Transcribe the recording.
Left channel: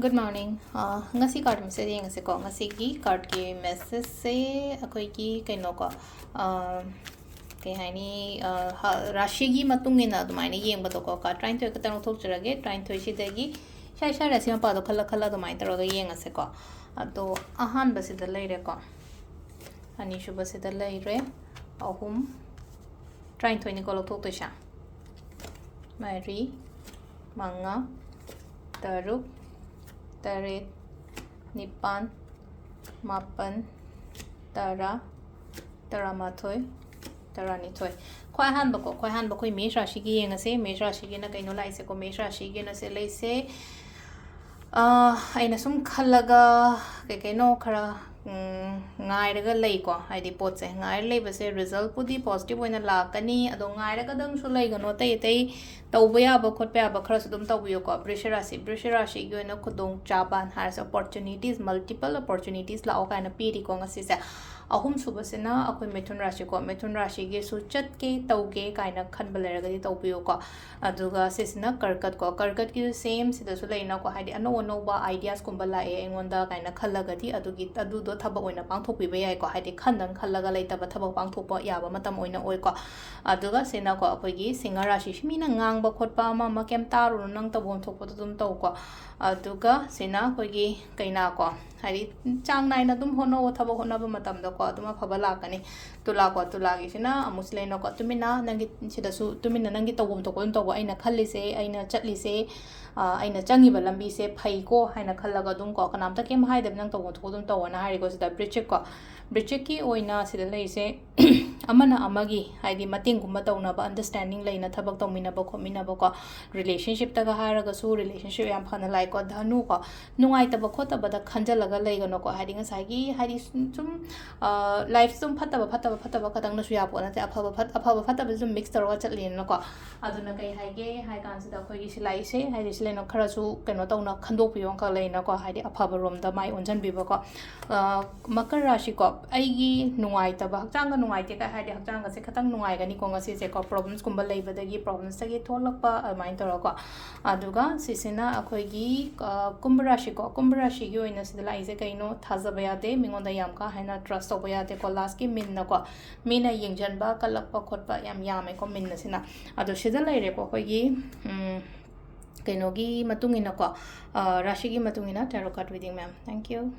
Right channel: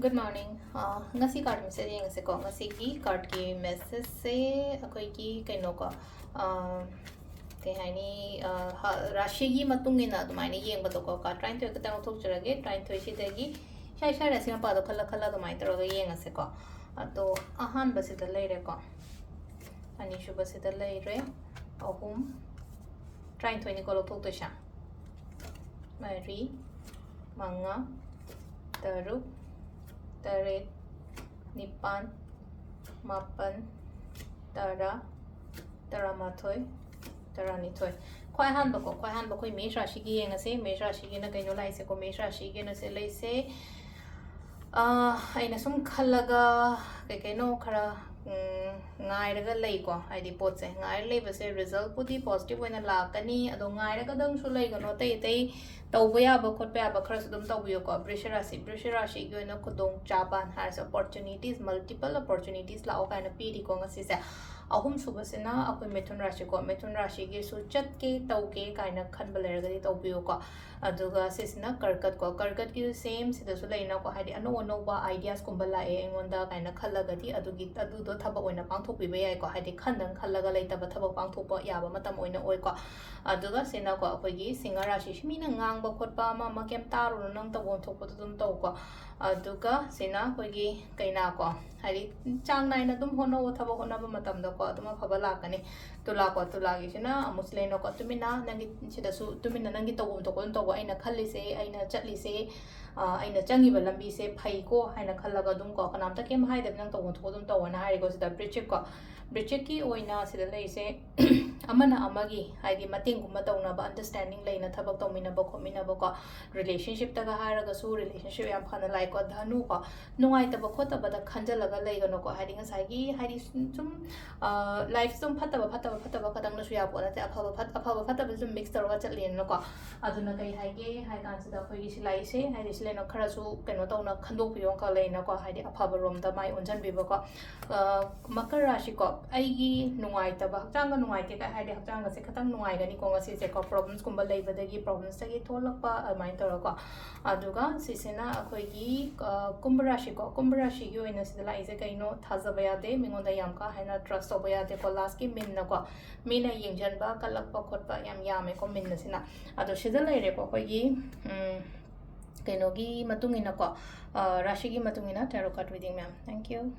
Good morning. Ngasi card message ngasi ko Ngasigi card ki message se akoi ki kaino ko kay hani Rashigi matungina dumai ni yeng bato ko ka trying to katang thok chirage trying to shitagi shai shai rasi ma pa do khala khala dumai taraga yeng ngasi ko ato ahan basi da leire ko ani shu basi da leire ahum trying to ni ko thok to sha mari manga taruk Tarit, Nipan, Mapan, Tara, Taramathoy, Taranitoy. Kwai han bako mesha shigi nga se mesha shigi na kaino lai se ko mesha shigi na se lai se aina sum khalaga ke kaino khara ngai raga lei ko haidi pot se ngai lei ba se result pudi positive oina lakani ado ngai raga dang su lei gano tai tauba yaba khotpa yaba khara su dum taubiyo ko brisharashi gi oina khudong chaban has opportunities multiple opportunities la okaina piri ko ngasi se ahum subasina akoi methun rashi gi su chat ke tau ke kaina khanba leraga di taubiyo ko aduga sisina karkat ki same sida su leina ko haidi ano ba ideas kumba la e engonda kaina khalaga di adugi adu do thaba oina pangthok pi bai ko haidi khandang khalaga leita ba thaba pangthok pa yaba matam oina oi ko aduga sena ko akoi gi singa rashi shmina ngang ba khotpa ma kem taru nang tabon thok dum tau ko aduga sena koi gi kaina ko haidi chang nai na dum hono thaba hona ba matam da ko aduma phaba la kani tula gi sina muslena ko tumina nangi sida su tumina nangi tawum to kon to aina khalli se aina chatli se aina changi ba lambi se phai ko haina khallaga dum ko kanam ta kem haidam nang tawum to dum tawana hari ko sida bridge ki oina sida lei se amana amagi haidi mating gumba tawna ba understanding leina thabak tawmina ba khomina ba ko relationship ta ga haraga su relationship yam phana lai ko dhanu ko nungai ta ba khota ba da khanjalaga leigano ko haidi ngasai gi haidi sum life sum phata ba kadang na su ya po na ta afaba phata ba sum mix tarwa chatlin no ko aduna kai haige hai kan sida khoi gi silai se haidi silai no khara su keno tawna khandok piyon ka leina ko haidi afaba rom da mai onjan bi ba ko makar rashi ko aigi nungai ta ba chang ga nungai te ka haidi chang ga se khatang nungai ga ni ko ngasi se ko problems kumba lei ba dagi problems ta gi tholak pa mai tor ko aduga sisina akhoi gi kumbra rashi gi oina sida lai se kaino thaza ba ya de mingon da yam ka haina trust ba ya de ko last ki min na ko mina yengjan ba kalak pa khot pa yam yame ko min na sina ado sida lai re ko khoi gi kaino gi matungina ko rashi gi matungina tarot card reading ma'am thank you